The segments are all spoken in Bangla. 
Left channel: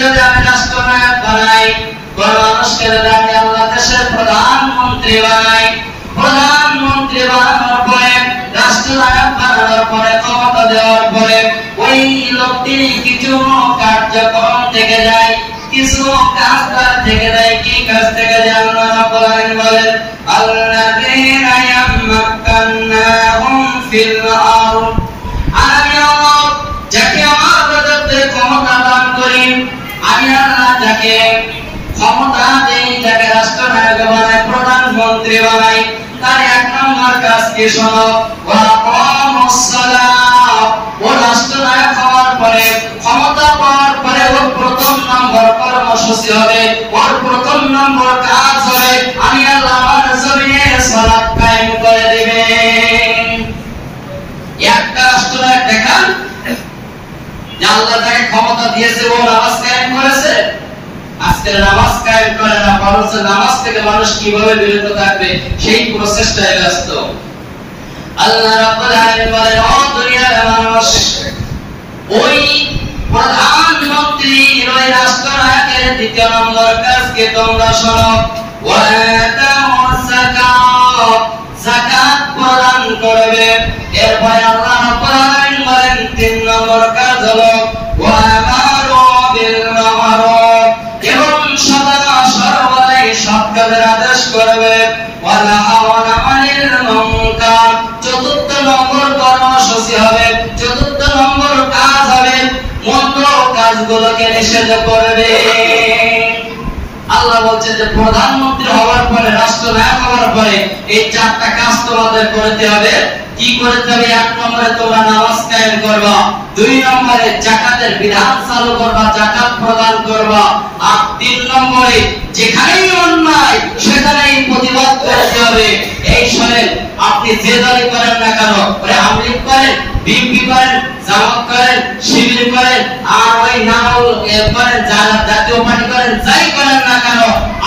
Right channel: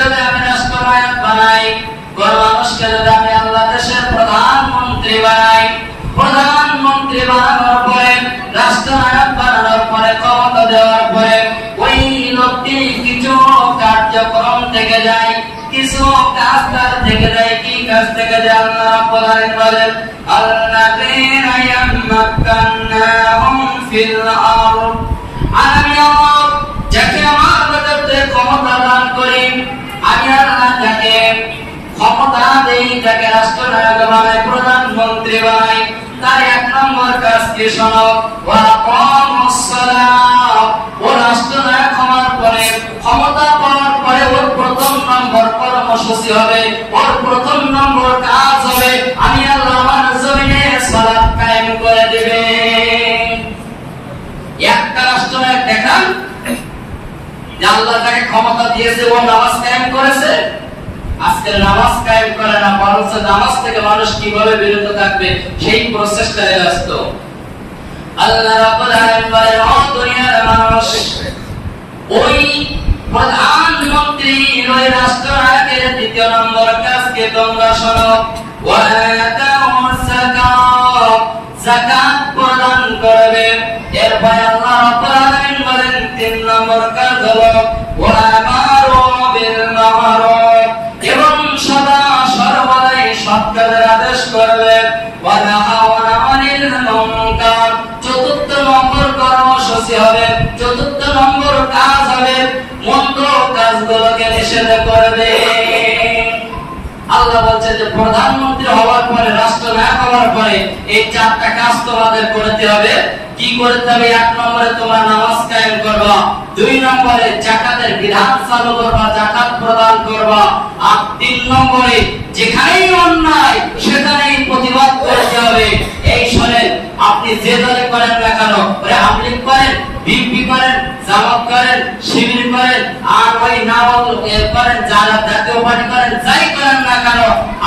যদি আমি রাষ্ট্রনায়ক বানাই, কোন মানুষকে যদি আমি আল্লাহ দেশের প্রধানমন্ত্রী বানাই, প্রধানমন্ত্রী বানানোর পরে, রাষ্ট্রনায়ক বানানোর পরে, ক্ষমতা দেওয়ার পরে ওই লোকটি কিছু কার্যক্রম থেকে যায়, কিছু কাজ তার থেকে যায়। কি কাজ থেকে যায়? আল্লাহ রাব্বুল আলামিন বলেন, আল্লাযীনা ইয়ামাক্কানাহুম ফিল আরদ, আমি আল্লাহ যাকে আমার রাজত্বে ক্ষমতা দান করি, আমি আল্লাহ যাকে ক্ষমতা দেই, যাকে রাষ্ট্রনায়ক বানাই, প্রধানমন্ত্রী বানাই, তার এক নম্বর কাজ কি শোনো, ওয়া কামুস সালাহ। ও রাষ্ট্রনায়ক হওয়ার পরে, ক্ষমতা পাওয়ার পরে ওর প্রথম নম্বর কর্মসূচি হবে, ওর প্রথম নম্বর কাজ হবে, আমি আল্লাহ আমার জমিনে সালাত কায়েম করে দেবে। একটা রাষ্ট্রনায়ক দেখান যে আল্লাহ তাকে ক্ষমতা দিয়েছে, ও নামাজ কায়েম করেছে? আজকে নামাজ কায়েম করে না, বরঞ্চ নামাজ থেকে মানুষ কিভাবে বিরত থাকবে সেই প্রচেষ্টায় ব্যস্ত। আল্লাহ রাব্বুল আলামিন বলেন, ও দুনিয়ার মানুষ, ওই প্রধানমন্ত্রী, ওই রাষ্ট্রনায়কের দ্বিতীয় নম্বর কাজকে তোমরা শোনো, ওয়া আতাউস যাকাত, যাকাত প্রদান করবে। এরপরে আল্লাহ রাব্বুল আলামিন বলেন, তিন নম্বর কাজ হলো ওয়া আমারু বিল মা'রুফ, এবং সদা সর্বদাই সৎ কাজের আদেশ করবে, ওয়া নাহাউনা আনিল মুনকার। চতুর্থ নম্বর কর্মসূচি হবে, চতুর্থ নম্বর কাজ হবে মন্দ কাজগুলোকে নিষেধ করবে। আল্লাহ বলছেন যে প্রধানমন্ত্রী হওয়ার পরে, রাষ্ট্রনায়ক হওয়ার পরে এই চারটা কাজ তোমাদের করতে হবে। কি করতে হবে? এক নম্বরে তোমরা নামাজ কায়েম করবা, দুই নম্বরে যাকাতের বিধান চালু করবা, যাকাত প্রদান করবা, আর তিন নম্বরে যেখানেই অন্যায় সেখানেই প্রতিবাদ করতে হবে। এই শোনেন, আপনি যে দলে করেন না কেন, আওয়ামী লীগ করেন, বিএনপি করেন, জামাত করেন, শিবির করেন, আর ওই নাওল করেন, যারা জাতীয় পার্টি করেন, যাই করেন না কেন,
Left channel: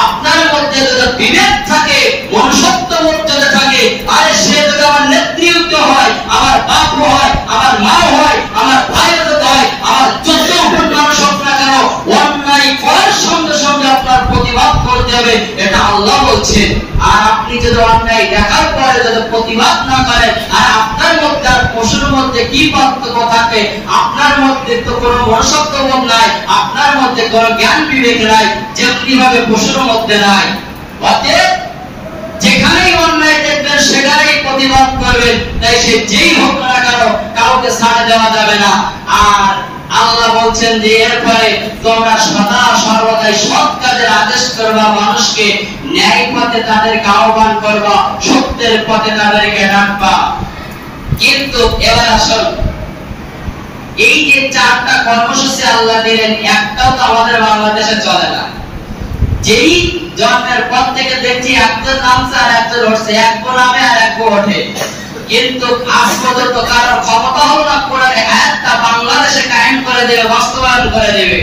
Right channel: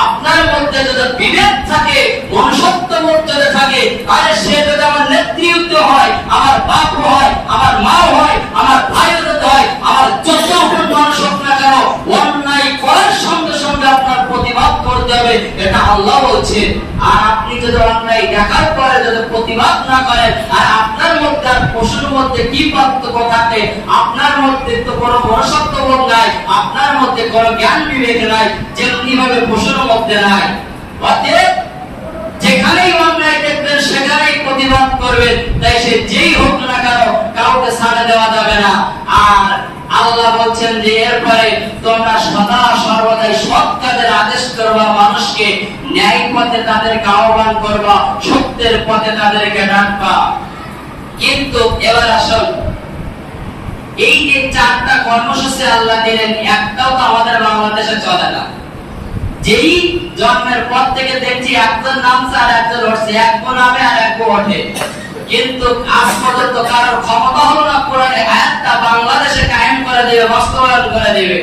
আপনার মধ্যে যদি বিভেদ থাকে, মনুষ্যত্ববোধ যদি থাকে, আরে সে যদি আমার নেতৃত্ব হয়, আমার বাপ হয়, আমার মা হয়, আমার ভাই হয়, আমার যত মানুষ হোক না কেন, অন্যায় করার সঙ্গে সঙ্গে আপনার প্রতিবাদ করতে হবে, এটা আল্লাহ বলছেন। আর আপনি যদি অন্যায় দেখার পরে যদি প্রতিবাদ না করেন, আর আপনার মধ্যে আর পশুর মধ্যে কি পার্থক্য থাকে? আপনার মধ্যে তো কোনো মনুষ্যত্ববোধ নাই, আপনার মধ্যে কোনো জ্ঞান বিবেক নাই, যেমনি ভাবে পশুর মধ্যে নাই। অতএব যেখানেই অন্যায় দেখবেন সেখানেই প্রতিবাদ করবেন, তাই সে যেই হোক না কেন কাউকে ছাড় দেওয়া যাবে না। আর আল্লাহ বলছেন যে এরপরে তোমরা সদা সর্বদাই সৎ কাজের আদেশ করবা, মানুষকে ন্যায় পথে তাদেরকে আহ্বান করবা, সত্যের পথে তাদেরকে ডাকবা। কিন্তু এবার আসল এই যে চারটা কর্মসূচি আল্লাহ দিলেন, একটাও তো আমাদের বাংলাদেশে চলে না। যেই জন্মের পর থেকে দেখছি একজন নামছে আর একজন উঠছে, এক নামে আর এক ওঠে, কিন্তু আজ পর্যন্ত কারোর ক্ষমতা হলো না কোরআনে আয়াতটা বাংলাদেশে কায়েম করে দেবে, বাস্তবায়ন করে দেবে।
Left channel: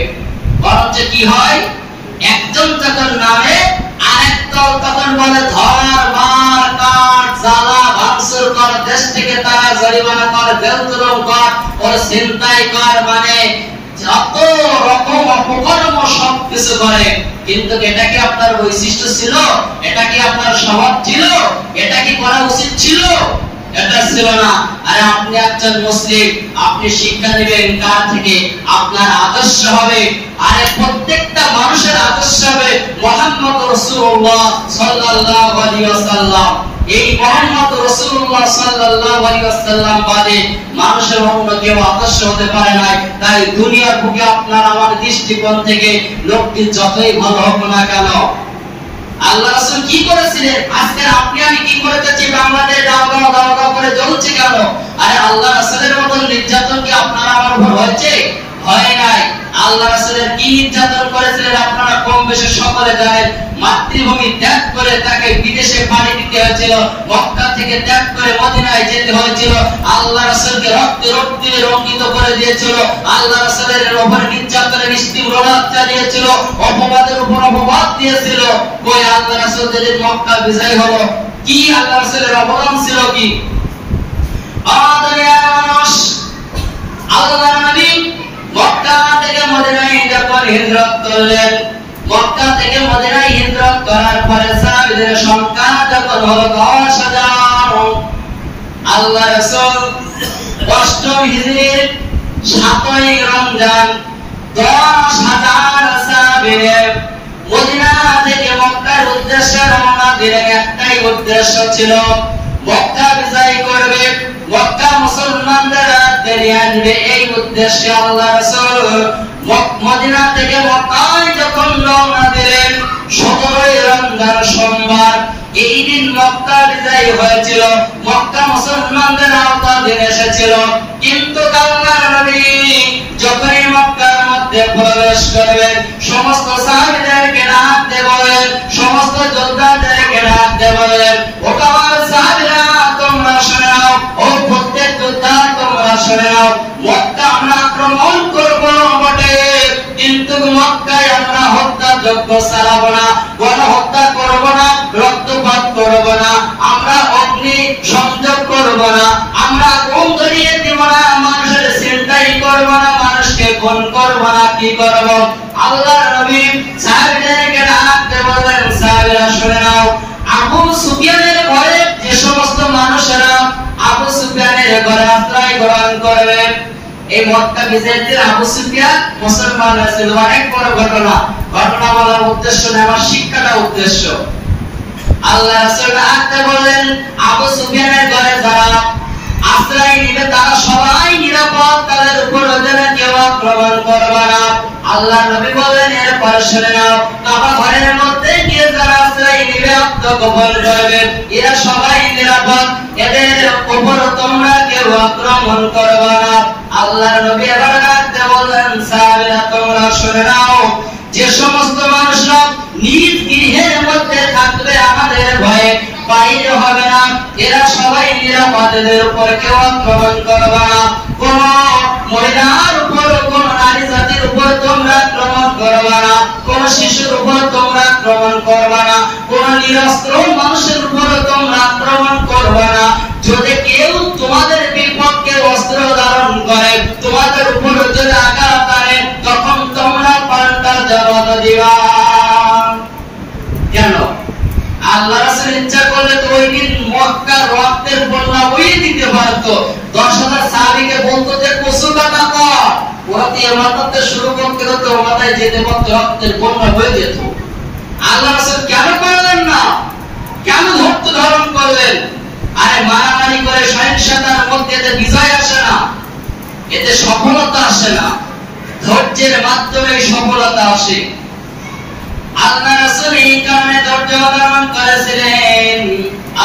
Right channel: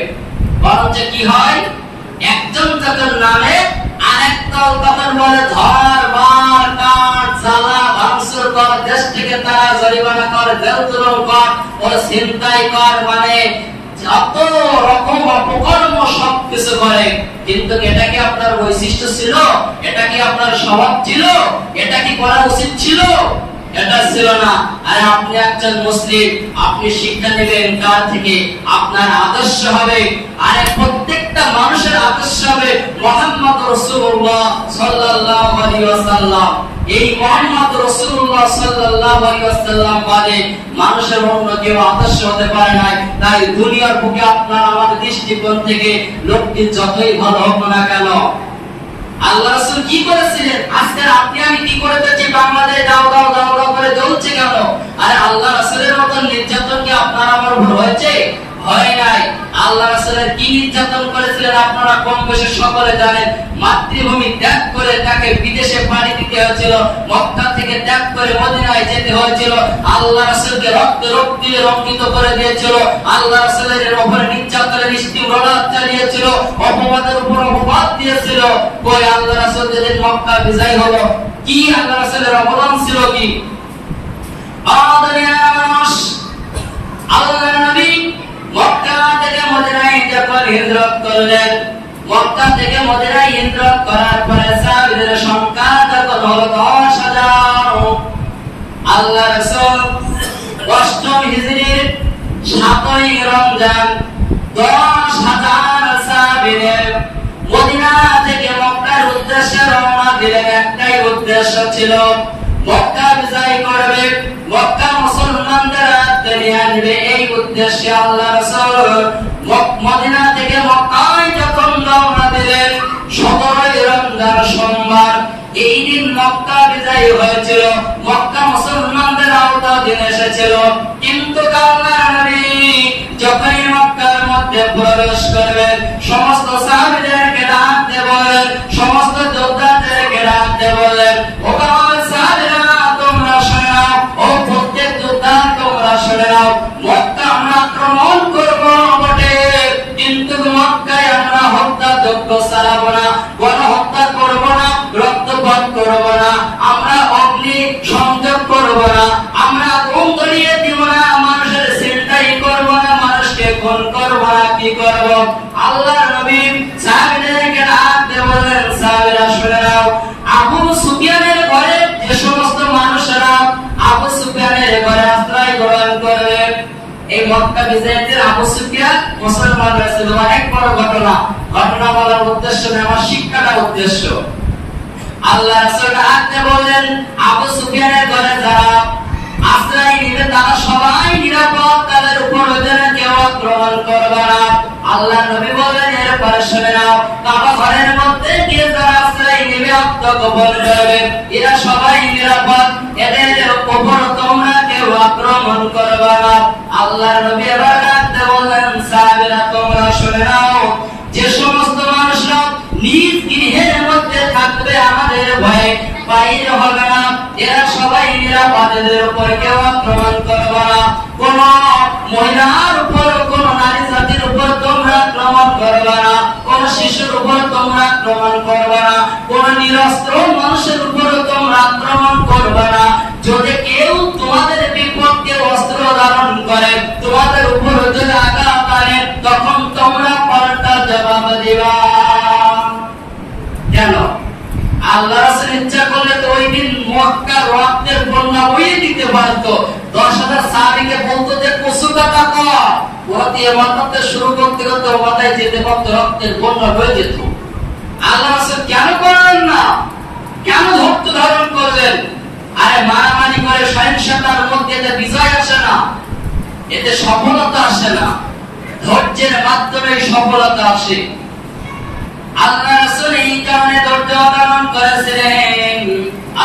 বরঞ্চ কি হয়, একজন যখন নামে আরেক দল তখন বলে ধর, মার, কাট, জ্বালা, ভাঙচুর কর, দেশ থেকে তারা জরিমানা কর, জেল জুলুম কর, ওর ছিনতাই কর, মানে যত রকম অপকর্ম সবকিছু করে। কিন্তু এটা কি আপনার বৈশিষ্ট্য ছিল? এটা কি আপনার স্বভাব ছিল? এটা কি করা উচিত ছিল? এটা ছিল না। আরে আপনি একজন মুসলিম, আপনি শিক্ষা নেবেন কার থেকে? আপনার আদর্শ হবে, আরে প্রত্যেকটা মানুষের আদর্শ হবে মুহাম্মদ রাসূলুল্লাহ সাল্লাল্লাহু আলাইহি ওয়াসাল্লাম। এই মুহাম্মদ রাসূলুল্লাহ সাল্লাল্লাহু আলাইহি ওয়াসাল্লাম বাদে মানুষের অন্য কেউ আদর্শ হতে পারে না। তাই দুনিয়ার বুকে আপনার আমার দৃষ্টিকোণ থেকে লোকটি যতই ভালো হোক না কেন, আল্লাহ রাসূল কি করেছিলেন? আজকে আপনি আমি কি করতেছি? বাংলাদেশ দাও দাও দাও দাও করে জ্বলছে কেন? আরে আল্লাহ রাসূলের মতন নির্যাতন কি আপনার আমার উপর হয়েছে? হয় নাই। আল্লাহ রাসূলের কি নির্যাতন করেছিলেন আপনারা কম বেশি সকলে জানেন। মাতৃভূমি ত্যাগ করে তাকে বিদেশে পাড়ি দিতে হয়েছিল, মক্কা থেকে ত্যাগ করে মদিনায় যেতে হয়েছিল। আল্লাহ রাসূলকে রক্তে রক্তিতে রঙ্গিত করে দিয়েছিল। আল্লাহ রাসূলের উপর নির্যাতনের নিষ্ঠুরতা চালিয়েছিল, অপবাদের উপর অপবাদ দিয়েছিল। কই আল্লাহ রাসূল যেদিন মক্কা বিজয় হলো, কি আল্লাহ রাসূলের অবদান ছিল? কি আমাদের মানুষ আল্লাহর নবী মক্কা থেকে মদিনায় যখন হিজরত করলেন। মক্কা থেকে মদিনায় হিজরত করার পরে সাহাবীদের সংখ্যা যখন হলো 10,000, আল্লাহ রাসূল অষ্টম হিজরির 7ই রমজান 10,000 সাহাবীদের মদিনা থেকে মক্কার উদ্দেশ্যে রওনা দিলেন। একটাই উদ্দেশ্য ছিল, মক্কা বিজয় করবে, মক্কা মুসলমানদের হাতে নিয়ে আসবে। এই উদ্দেশ্যে আল্লাহ রাসূল মদিনা থেকে মক্কায় যখন রওনা দিলেন 17ই রমজান সোমবার, এই দিন মক্কা বিজয় হয়েছিল, মক্কা মুসলমানদের আওতাধীন এসেছিল। কিন্তু আল্লাহর নবী যখনই মক্কার মধ্যে প্রবেশ করবেন, সমস্ত সাহাবীদেরকে ডাক দিয়ে বলেন, সমস্ত যোদ্ধাদেরকে ডাক দিয়ে বলেন, ও আমার সাহাবীরা তোমরা শুনে নাও, ও প্রত্যেক যোদ্ধা তোমরা শুনে নাও, মক্কা আমরা আক্রমণ করব বটে, কিন্তু মক্কায় আমরা হত্যাযজ্ঞ চালাবো না, গণহত্যা করব না, রক্তপাত করব না, আমরা অগ্নি সংযোগ করব না, আমরা আগুন ধরিয়ে দিব না, মানুষের ছিনতাই করব না, মানুষকে খুন করব না। কি করব? আল্লাহর নবী সাহাবীদেরকে ডাক দিয়ে বলেন, সাহাবীরা শুনে নাও, আবু সুফিয়ানের ঘরে যে সমস্ত মানুষেরা আবু সুফিয়ানের ঘরে আশ্রয় গ্রহণ করবে, এই মক্কা বিজয়ের আবু সুফিয়ান মুসলমান হয়েছিল। অনেক বড় ঘটনা বলার উদ্দেশ্য না, আমার শিক্ষাটা উদ্দেশ্য। আল্লাহ রাসূল আতে বলেন, আবু সুফিয়ানের ঘরে যারা আশ্রয় নিবে তারা সবাই নিরাপদ, তাদের উপর ওদের কেউ আক্রমণ করবে না। আল্লাহ নবী বলেন, এরপর শুনে নাও, কাবা ঘরের মধ্যে গিয়ে যারা আশ্রয় নিবে, আত্মগোপন করবে, এরা সবাই নিরাপদ, এদের উপর তোমরা কেউ আক্রমণ করবে না। আল্লাহ নবী আবার ডাকতে বললেন, সাহাবীরা তোমরা শুনে নাও, যে সমস্ত মানুষরা নিজ গৃহের মধ্যে থাকবে, আমাদের ভয়ে বাইর হবে না, এরা সবাই নিরাপদ, এদের উপর কেউ আক্রমণ করবে না। কোন মহিলার উপর, কোন নারী জাতির উপর তোমরা আক্রমণ করবে না, কোন শিশুর উপর তোমরা আক্রমণ করবে না, কোন নিরস্ত্র মানুষের উপর তোমরা আক্রমণ করবে না। যদি কেউ তোমাদের বিপক্ষে অস্ত্র ধারণ করে, তোমাদের উপর যদি আঘাত করে, তখন তোমরা পাল্টা জবাব দিবা। কেন? আল্লাহ রাসূল ইচ্ছা করলে তো ওই দিন মক্কার রক্তের বন্যা বইয়ে দিতে পারত। 10,000 সাহাবীকে বলতো যে কসু কাটা কর, ওতে মাথাতে শুরু করতে করতে মাথায় যেতে পারত, রক্তের বন্যা বয়ে যেত। আল্লাহ রাসূল কেন করলেন না? কেন ধৈর্য ধারণ করলেন? আরে মারামারি করে সহিংসতার মধ্যে এতে বিজয় আসে না, এতে সফলতা আসে না, ধৈর্যের মাধ্যমে সফলতা আসে। আল্লাহ রাসূল এই কারণে ধৈর্য ধারণ করেছিলেন।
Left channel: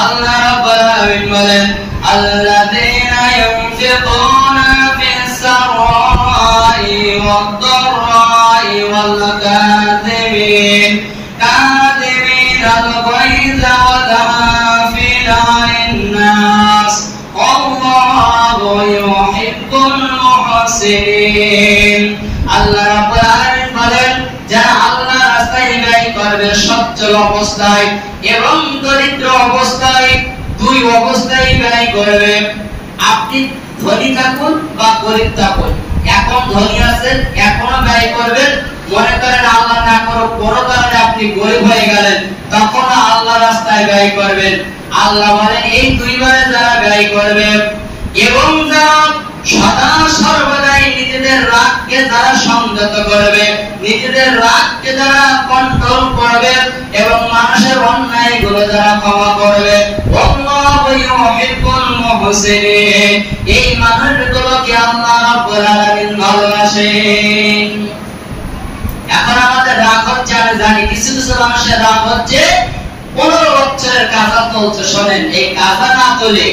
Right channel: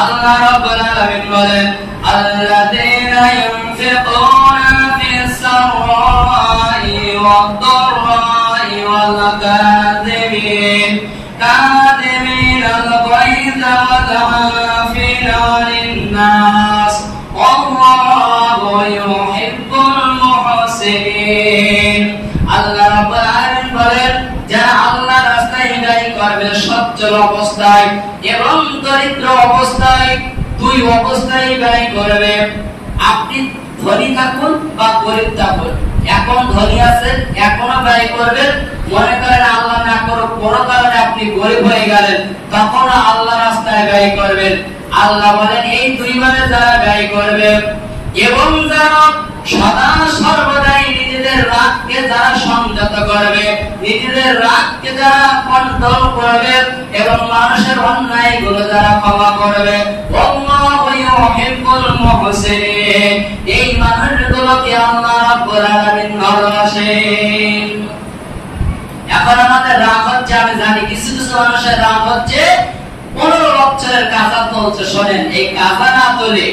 আল্লাহ রাব্বুল আলামিন বলেন, আল্লাযীনা ইউনফিকুনা ফিস সাররাই ওয়াদ দাররাই ওয়াল কাযিমিন আল গায়যা ওয়াল আফিনা লিন-নাস ওয়াল্লাহু ইউহিব্বুল মুহসিনিন। আল্লাহ রাব্বুল আলামিন বলেন, যারা আল্লাহর রাস্তায় ব্যয় করবে সচ্ছল অবস্থায় এবং দরিদ্র অবস্থায়, দুই অবস্থায় ব্যয় করবে। আপনি ধনী থাকুন বা গরিব থাকুন, এখন ধনী আছেন এখনো ব্যয় করবেন, মনে করেন আল্লাহ না করো কোনো কারণে আপনি গরিব হয়ে গেলেন, তখন আল্লাহর রাস্তায় ব্যয় করবেন। আল্লাহ বলেন, এই দুইবারে যারা ব্যয় করবে এবং যারা সদা সর্বদাই নিজেদের রাগকে যারা সংযত করবে, নিজেদের রাগকে যারা কন্ট্রোল করবে এবং মানুষের অন্যায়গুলো যারা ক্ষমা করবে, আল্লাহু ইউহিব্বুল মুহসিনিন, এই মানুষগুলোকে আল্লাহ রাব্বুল আলামিন ভালোবাসেন। এখন আমাদের রাগ হচ্ছে, আমি জানি কিছু কিছু মানুষের রাগ হচ্ছে 15 বছরের কাজা চলছে। শোনেন, এই কাজা না তোলে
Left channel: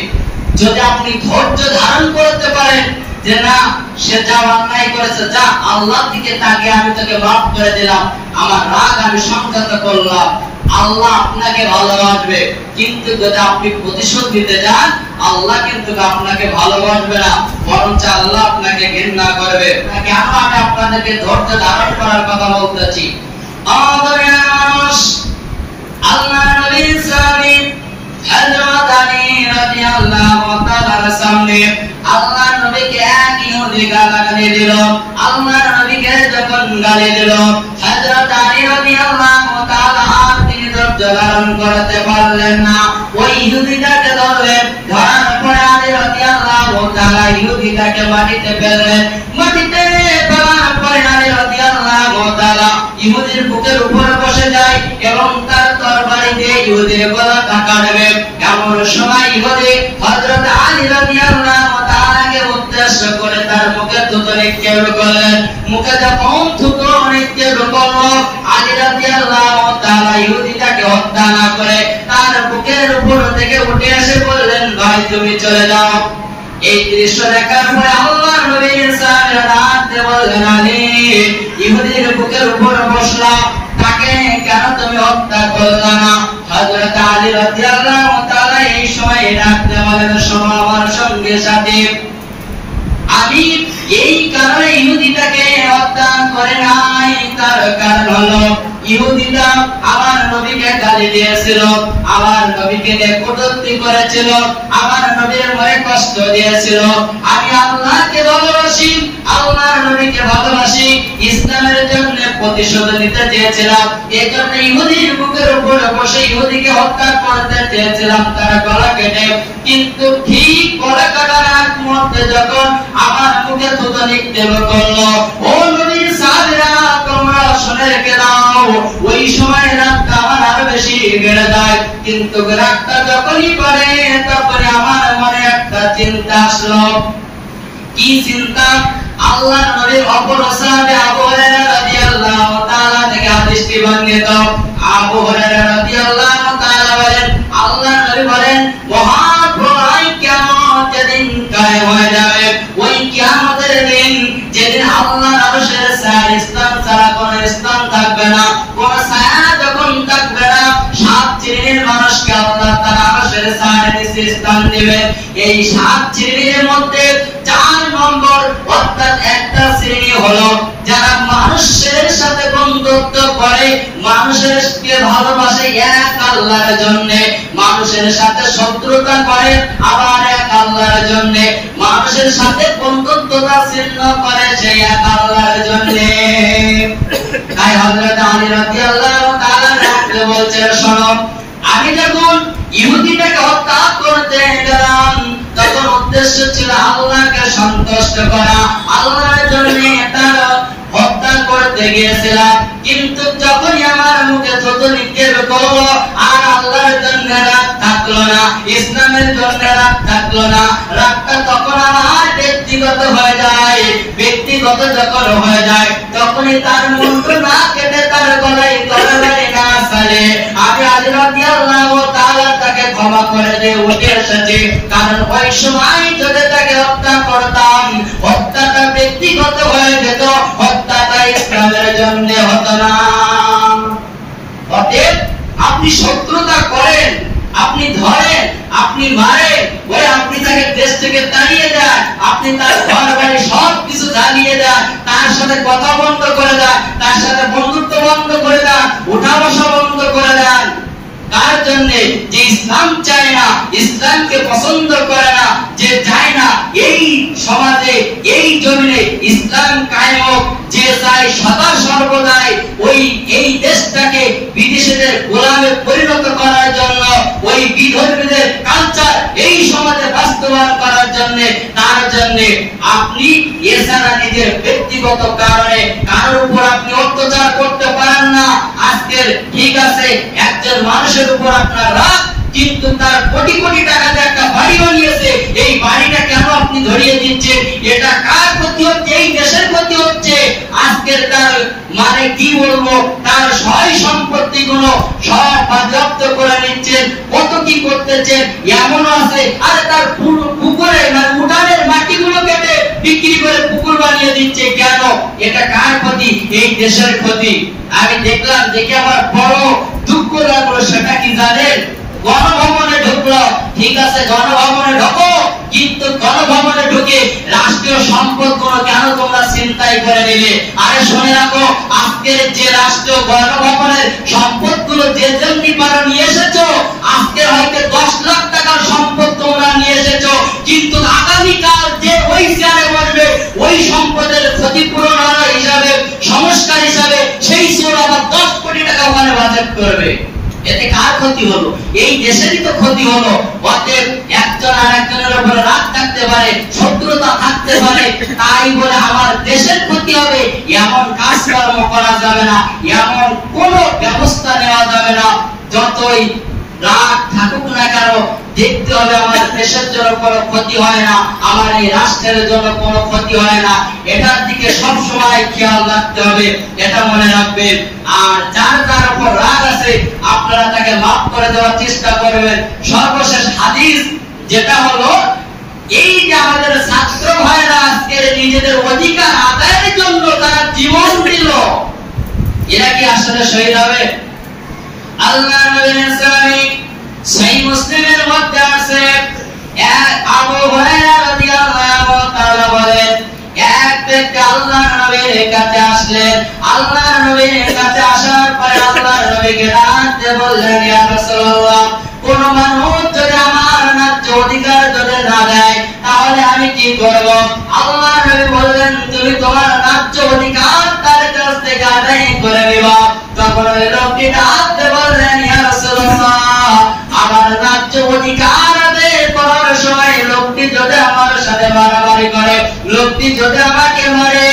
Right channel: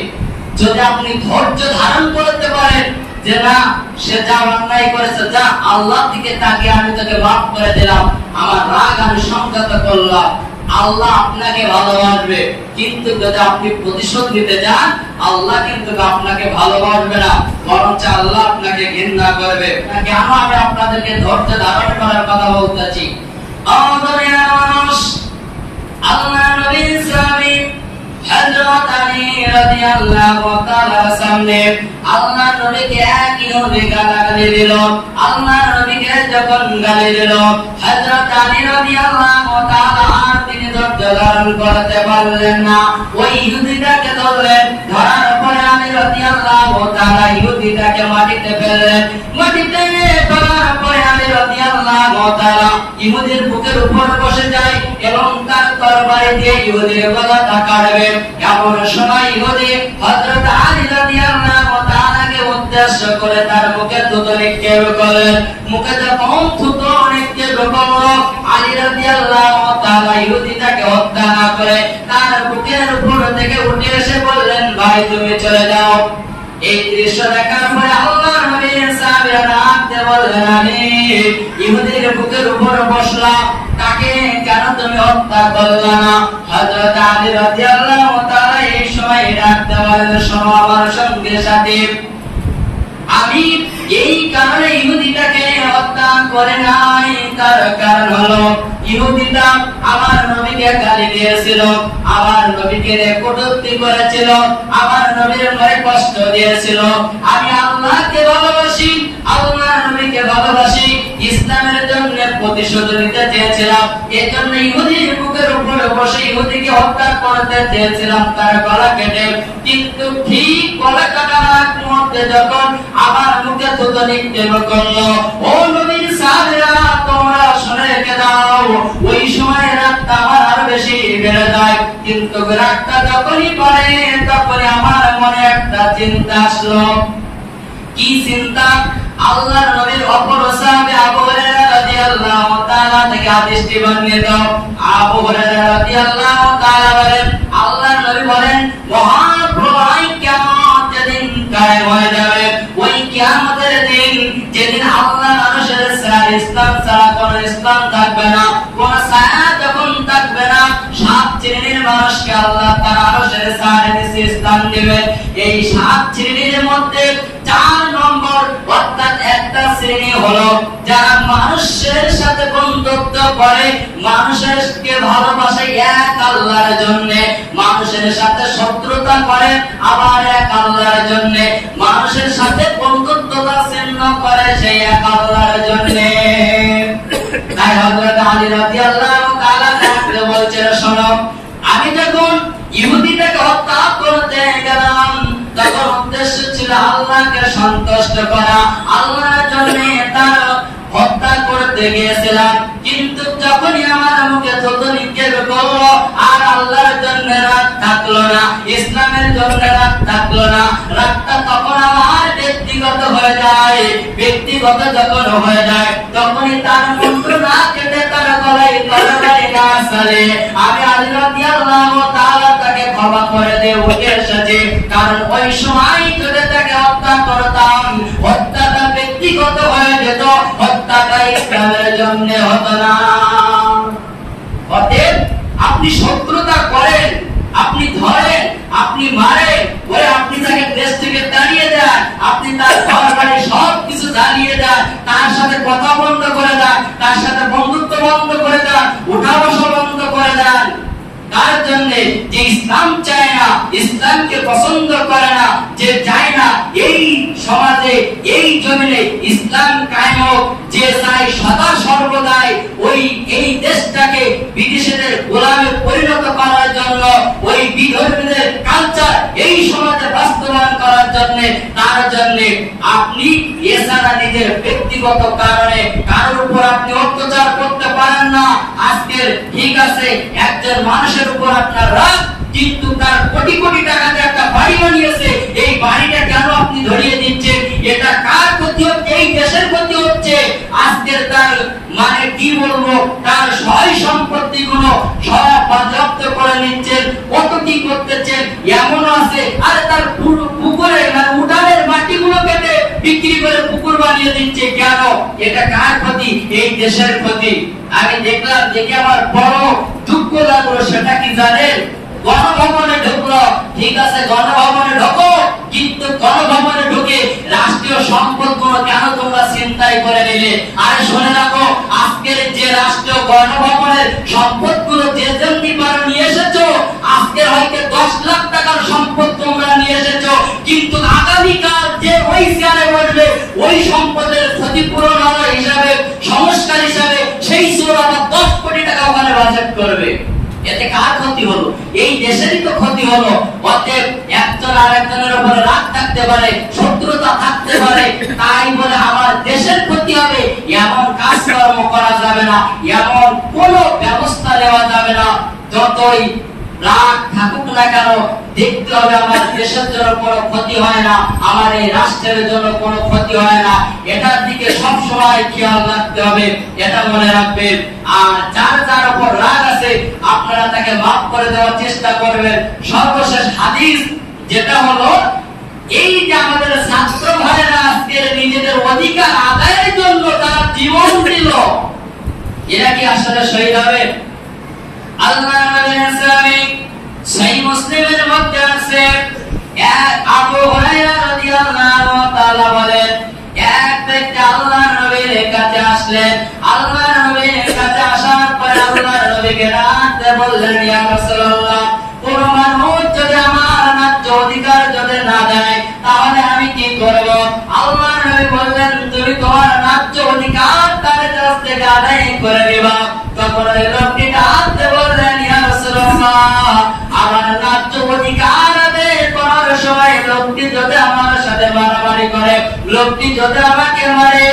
যদি আপনি ধৈর্য ধারণ করতে পারেন যে না, সে যা অন্যায় করেছে, যা আল্লাহর দিকে তাকিয়ে আমি তোকে মাফ করে দিলাম, আমার রাগ আমি সংযত করলাম, আল্লাহ আপনাকে ভালোবাসবে। কিন্তু যদি আপনি প্রতিশোধ নিতে যান, আল্লাহ কিন্তু আপনাকে ভালোবাসবে না, বরঞ্চ আল্লাহ আপনাকে ঘৃণা করবে। কেন আমি আপনাদেরকে ধৈর্য ধারণ করার কথা বলতেছি? আমাদের মানুষ আল্লাহ নবী সাল্লাল্লাহু হযরত আলী রাদিয়াল্লাহু তাআলার সামনে আল্লাহর নবীকে এক ইহুদি গালাগালি দিল, আল্লাহর নবীকে যখন গালি দিল, হযরত আলী রাদিয়াল্লাহু তাআলা তিনি ধৈর্য ধারণ করতে পারলেন না, ওই ইহুদিটাকে ধরলেন। ধরার পরে আলী রাদিয়াল্লাহু তাআলা ইহুদিটাকে মাটিতে ফেললেন। মাটিতে ফেলার পরে আলী রাদিয়াল্লাহু তাআলা ইহুদির বুকের উপর বসে যায় এবং তার তরবারি দিয়ে ইহুদির গলাটা কাটবে। এমন সময় ইহুদি হযরত আলী রাদিয়াল্লাহু তাআলাকে উদ্দেশ্য করে তার মুখে থুতু নিক্ষেপ করলেন। মুখে যখন থুতু নিক্ষেপ করলো, আলী রাদিয়াল্লাহু তাআলা ইহুদিটাকে হত্যা না করে তার বুকের উপর থেকে উঠে এসে বললেন, ভাই তুমি চলে যাও। এই দৃশ্য দেখার পরে আল্লাহর নবী সাহাবারা রাতে বললেন, আলী ইহুদির বুকের উপর বসলা, তাকে কেন তুমি হত্যা করলে না? হযরত আলী রাদিয়াল্লাহু তাআলা এই সময় ডাকতে বলেন, শোনো আমার সঙ্গে সাথে, আমি এই কারণে ইহুদিটাকে হত্যা করে নাই। তার কারণ হলো ইহুদিটা আমার নবীকে গালি দিয়েছিল, আমার নবীকে কটূক্তি করেছিল, আমার নবীর মনে কষ্ট দিয়েছিল। আমি আল্লাহকে ভালোবাসি, আল্লাহর নবীকে ভালোবাসি, ইসলামের জন্য প্রতিশোধ নিতে চেয়েছিলাম। এজন্য ইহুদির বুকের উপর বসে ইহুদিকে হত্যা করতে চেয়েছিলাম, তার গলা কেটে। কিন্তু ঠিক গলা কাটার মুহূর্তে যখন আমার মুখে থুতু নিক্ষেপ করলো, ও নবীর সাহাবীরা তোমরা শুনে রেখে দাও, ওই সময় রাগটা আমার আরো বেশি বেড়ে যায়। কিন্তু রাগটা যখনই বাড়ে তখনই আমার মনে একটা চিন্তা আসলো। কি চিন্তা? আল্লাহর নবীর অপর সাহাবী আবু হুরায়রা রাদিয়াল্লাহু তাআলা থেকে হাদিসটি বর্ণিত। আবু হুরায়রা রাদিয়াল্লাহু তাআলা বলেন, আল্লাহর নবী বলেন, মহাপ্রলয় কিয়ামতের দিন কায়েম হয়ে যাবে। ওই কিয়ামতের দিন যেদিন আল্লাহর আরশের ছায়া স্থান ছাড়া কোনো স্থান থাকবে না, কোনো ছায়া যখন থাকবে না, সাত শ্রেণীর মানুষকে আল্লাহ তার আরশের ছায়ার নিচে স্থান দিবে। এই সাত শ্রেণীর মধ্যে 4 নম্বর অর্থাৎ একটা শ্রেণী হলো যারা মানুষের সাথে বন্ধুত্ব করে, মানুষকে ভালোবাসে এক আল্লাহর জন্য, মানুষের সাথে শত্রুতা করে আবার এক আল্লাহর জন্য, মানুষের সাথে বন্ধুত্বতা ছিন্ন করে সেই এক আল্লাহর জন্য। তাই হযরত আলী রাদিয়াল্লাহু তাআলা বলছেন, শোনো, আমি যখন ইহুদিটাকে হত্যা করতে গেলাম তখন উদ্দেশ্য ছিল আল্লাহকে সন্তুষ্ট করা, আল্লাহর জন্য তার হত্যা করতে গিয়েছিলাম। কিন্তু যখনই আমার মুখে থুতু নিক্ষেপ করলো আর আল্লাহর জন্য রাগ থাকলো না, ইসলামের জন্য রাগ থাকলো না, রাগটা তখন আমার ব্যক্তিগত হয়ে যায়। ব্যক্তিগত যখন হয়ে যায় তখনই তার মুখ না কেটে তার গলায় তরবারি না চালে আমি আলী রাদিয়াল্লাহু তাআলা তাকে ক্ষমা করে দিয়ে উঠে এসেছি। কারণ ওই সময় যদি তাকে হত্যা করতাম, হত্যাটা ব্যক্তিগত হয়ে যেত, হত্যাটা ইসলামের জন্য হতো না। অতএব আপনি শত্রুতা করেন, আপনি ধরেন, আপনি মারেন, ওই আপনি তাকে দেশ থেকে তাড়িয়ে দেন, আপনি তার ঘর বাড়ি সবকিছু জ্বালিয়ে দেন, তার সাথে কথা বন্ধ করে দেন, তার সাথে বন্ধুত্ব বন্ধ করে দেন, উঠা বসা বন্ধ করে দেন। তার জন্য যে ইসলাম চায় না, ইসলামকে পছন্দ করে না, যে চায় না এই সমাজে এই জমিনে ইসলাম কায়েম হোক, যে চায় সদা সর্বদাই ওই এই দেশটাকে বিদেশীদের গোলামে পরিণত করার জন্য, ওই বিধর্মীদের কালচার এই সমাজে বাস্তবায়ন করার জন্য, তার জন্য আপনি এছাড়া নিজের ব্যক্তিগত কারণে কারোর উপর আপনি অত্যাচার করতে পারেন না। আজকের ঠিক আছে একজন মানুষের উপর আপনার রাগ, কিন্তু তার কোটি কোটি টাকাতে একটা বাড়ি বানিয়েছে, এই বাড়িটা কেন আপনি ধরিয়ে দিচ্ছেন? এটা কার ক্ষতি হচ্ছে? এই দেশের ক্ষতি হচ্ছে। আজকের তার মানে কি বলবো, তার সয় সম্পত্তি গুলো সব বাজেয়াপ্ত করে নিচ্ছেন, কত কি করতেছেন। এমনও আছে আরে তার পুকুরে মানে উঠানের মাটিগুলো কেটে বিক্রি করে পুকুর বানিয়ে দিচ্ছে। কেন? এটা কার ক্ষতি? এই দেশের ক্ষতি। আমি দেখলাম, দেখে আমার বড় দুঃখ লাগলো। সেটা কি জানেন? গণভবনে ঢুকলো, ঠিক আছে গণভবনে ঢোকো, কিন্তু গণভবনে ঢুকে রাষ্ট্রীয় সম্পদগুলো কেন তোমরা ছিনতাই করে নিলে? আরে শুনে রাখো, আজকের যে রাষ্ট্র গণভবনের সম্পদগুলো যে জঙ্গি পারো নিয়ে এসেছো, আজকে হয়তো 10 লাখ টাকার সম্পদ তোমরা নিয়ে এসেছো, কিন্তু আগামীকাল যে ওই চেয়ারে বসবে ওই সম্পদের ক্ষতিপূরণ হিসাবে ক্ষতি হলো, এই দেশেরই তো ক্ষতি হলো। অতএব একজন আরেকজনের উপরে রাগ থাকতে পারে, শত্রুতা থাকতে পারে, তাই বলে আমার দেশের ক্ষতি হবে এমন কাজকর্ম করা যাবে না, এমন কোনো ব্যবস্থা নেওয়া যাবে না। যতই রাগ থাকুক না কেন, দেখতে হবে আমার দেশের জন্য কোনো ক্ষতি হয় না, আমার এই রাষ্ট্রের জন্য কোনো ক্ষতি হয় না, এটার দিকে সব সময় খেয়াল রাখতে হবে, এটা মনে রাখবেন। আর যার যার উপর রাগ আছে আপনারা তাকে মাফ করে দেওয়ার চেষ্টা করবেন। সর্বশেষ হাদিস যেটা হলো, এই যে আমাদের ছাত্র ভাইরা আজকে নিজেদের অধিকার আদায়ের জন্য তারা জীবন দিল, এরা কি আসলে শহীদ হবে? আল্লাহ নবীর সাহাবী সহিহ মুসলিমের মধ্যে আছে, আবু হুরায়রা রাদিয়াল্লাহু তাআলা বলেন, এক ব্যক্তি আল্লাহর নবীর কাছে আসলেন। আল্লাহর নবীর কাছে আসার পরে আল্লাহর নবীকে ডাকতে বললেন, ইয়া রাসূলুল্লাহ, কোন মানুষ যদি আমার ন্যায্য অধিকার যদি না দেয় তাহলে আমি কি করব? আল্লাহর নবী বললেন, তুমি তোমার ন্যায্য অধিকার তার কাছ থেকে আদায় করে নিবা। তখন ওই লোকটি ডাকতে বললেন, ইয়া রাসূলুল্লাহ, আমার ন্যায্য অধিকার আদায় করার সময় লোকটি যদি আমার সাথে মারামারি করে, লোকটি যদি আমাকে মারে,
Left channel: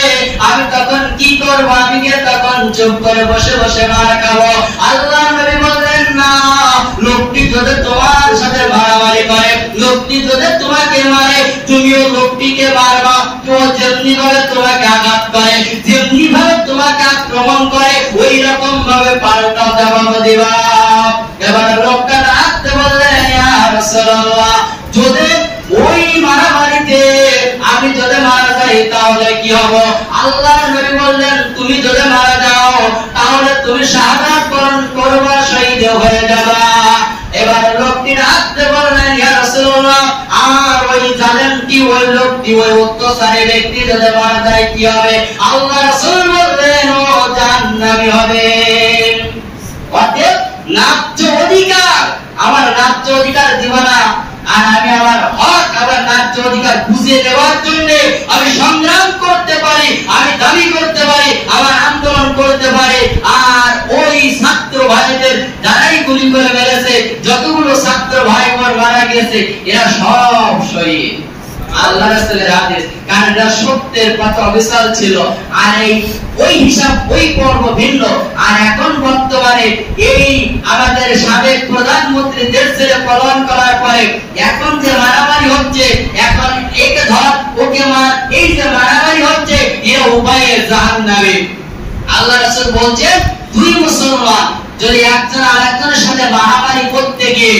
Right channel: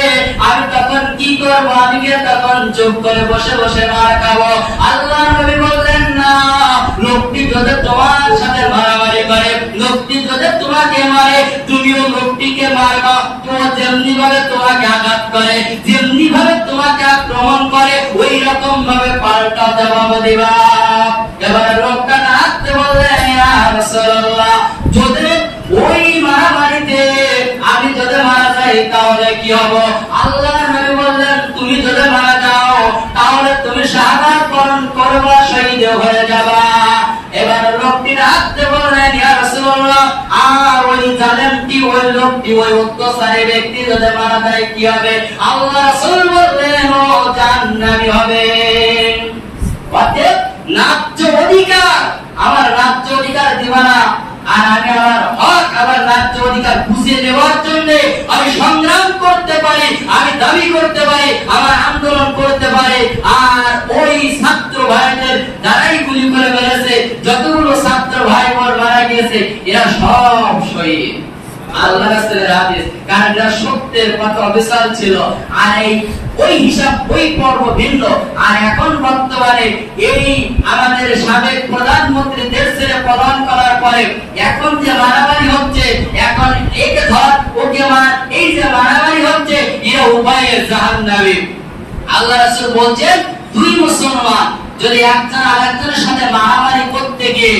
আমি তখন কি করব? আমি কি তখন চুপ করে বসে বসে মার খাবো? আল্লাহর নবী বললেন, না, লোকটি যদি তোমার সাথে মারামারি করে, লোকটি যদি তোমাকে মারে, তুমিও লোকটিকে মারবা। তো যেমনি ভাবে তোমাকে আঘাত করে, যেমনি ভাবে তোমাকে আক্রমণ করে, ওই রকম ভাবে পাল্টা জবাব দিবা। এবার লোকটা ডাকতে বললেন, ইয়া রাসূলুল্লাহ, যদি ওই মারামারিতে আমি যদি মারা যাই তাহলে কি হবে? আল্লাহর নবী বললেন, তুমি যদি মারা যাও তাহলে তুমি শাহাদাত বরণ করবা, শহীদ হয়ে যাবা। এবার লোকটি ডাকতে বললেন, ইয়া রাসূলুল্লাহ, আর ওই জালেমটি, ওই লোকটি, ওই অত্যাচারী ব্যক্তি যদি মারা যায় কি হবে? আল্লাহ রাসূল বললেন, ও জান্নাতি হবে। অতএব ন্যায্য অধিকার, আমার ন্যায্য অধিকার দিবা না, আর আমি আমার হক, আমার ন্যায্য অধিকার বুঝিয়ে দেওয়ার জন্য আমি সংগ্রাম করতে পারি, আমি দাবি করতে পারি, আমার আন্দোলন করতে পারি। আর ওই ছাত্র ভাইদের যারাই গুলি করে মেরেছে, যতগুলো ছাত্র ভাই বোন মারা গেছে, এরা সব শহীদ। আল্লাহ রাসূলের হাদিস, কারণ এরা সত্যের পথে অবিচল ছিল। আর এই ওই হিসাব, ওই পর্ব ভিন্ন। আর এখন বর্তমানে এই আমাদের সাবেক প্রধানমন্ত্রী দেশ ছেড়ে পলায়ন করার পরে এখন যে মারামারি হচ্ছে, এখন একে ধর ওকে মার, এই যে মারামারি হচ্ছে, এরা উভয়ে জাহান্নামী। আল্লাহ রাসূল বলছেন, দুই মুসলমান যদি একজন আরেকজনের সাথে মারামারি করতে গিয়ে,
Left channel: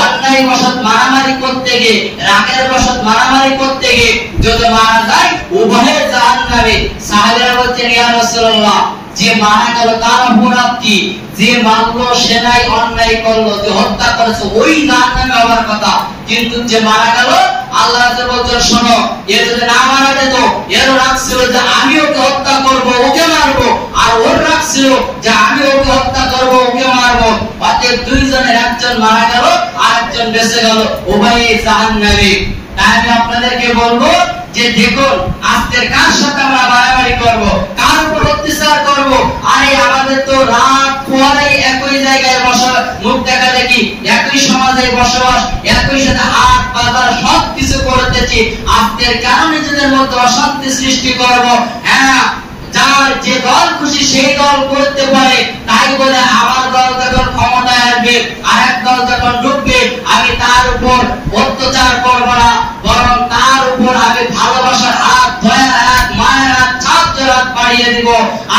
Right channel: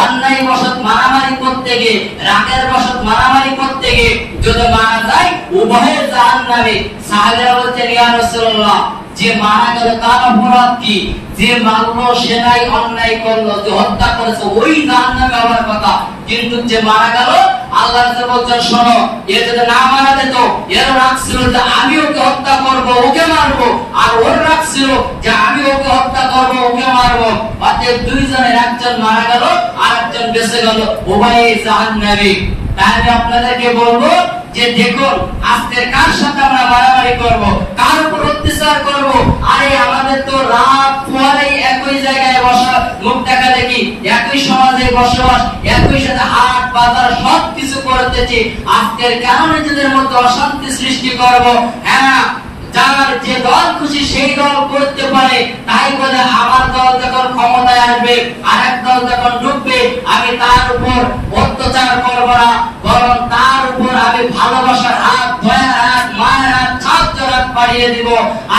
অন্যায় বশত মারামারি করতে গিয়ে, রাগের বশত মারামারি করতে গিয়ে যদি মারা যায়, উভয়ে জাহান্নামী। সাহাবীরা বলছেন, ইয়া রাসূলুল্লাহ, যে মারা গেল তার অপরাধ কি? যে মারলো সে নাই, অন্যায় করলো, যে হত্যা করেছে ওই জাহান্নামে হওয়ার কথা। কিন্তু যে মারা গেল, আল্লাহ রাসূল বলছেন, শোনো, এ যদি না মারা যেত, এর রাগ ছিল যে আমি ওকে হত্যা করব, ওকে মারবো, আর ওর রাগ ছিল যে আমি ওকে হত্যা করব, ওকে মারবো। অতএব দুইজনের একজন মারা গেল, আরেকজন বেঁচে গেল, উভয়ে জাহান্নামী। তাই আমি আপনাদেরকে বলবো যে দেখুন, আজকের কার সাথে আমরা মারামারি করব, কার উপর অত্যাচার করব? আরে আমাদের তো রাত পরে একই জায়গায় বসা, মুখ দেখা দেখি, একই সমাজে বসবাস, একই সাথে হাট বাজার সবকিছু করতেছি, আজকের কারণে নিজেদের মধ্যে অশান্তি সৃষ্টি করব? হ্যাঁ, যার যে দল খুশি সেই দল করতে পারে, তাই বলে আমার দল যখন ক্ষমতায় আসবে, আরেক দল যখন ঢুকবে, আমি তার উপর অত্যাচার করব না, বরং তার উপর আমি ভালোবাসার হাত, দয়ার হাত, মায়ের হাত, ছাত্র হাত বাড়িয়ে দিব।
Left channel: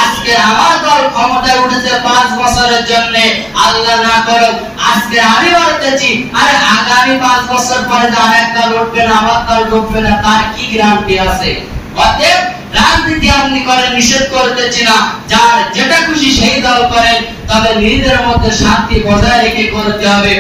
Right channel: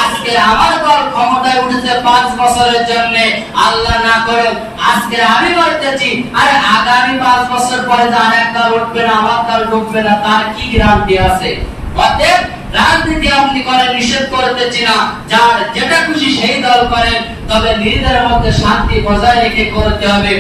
আজকে আমার দল ক্ষমতায় উঠেছে 5 বছরের জন্য, আল্লাহ না করুক আজকে আমি বলতেছি, আরে আগামী 5 বছর পরে যে আরেক দল উঠবে না, আমার দল ঢুকবে না, তার কি গ্যারান্টি আছে? অতএব রাজনীতি আপনি করেন, নিষেধ করতেছি না, যার যেটা খুশি সেই দল করেন, তবে নিজেদের মধ্যে শান্তি বজায় রেখে করতে হবে।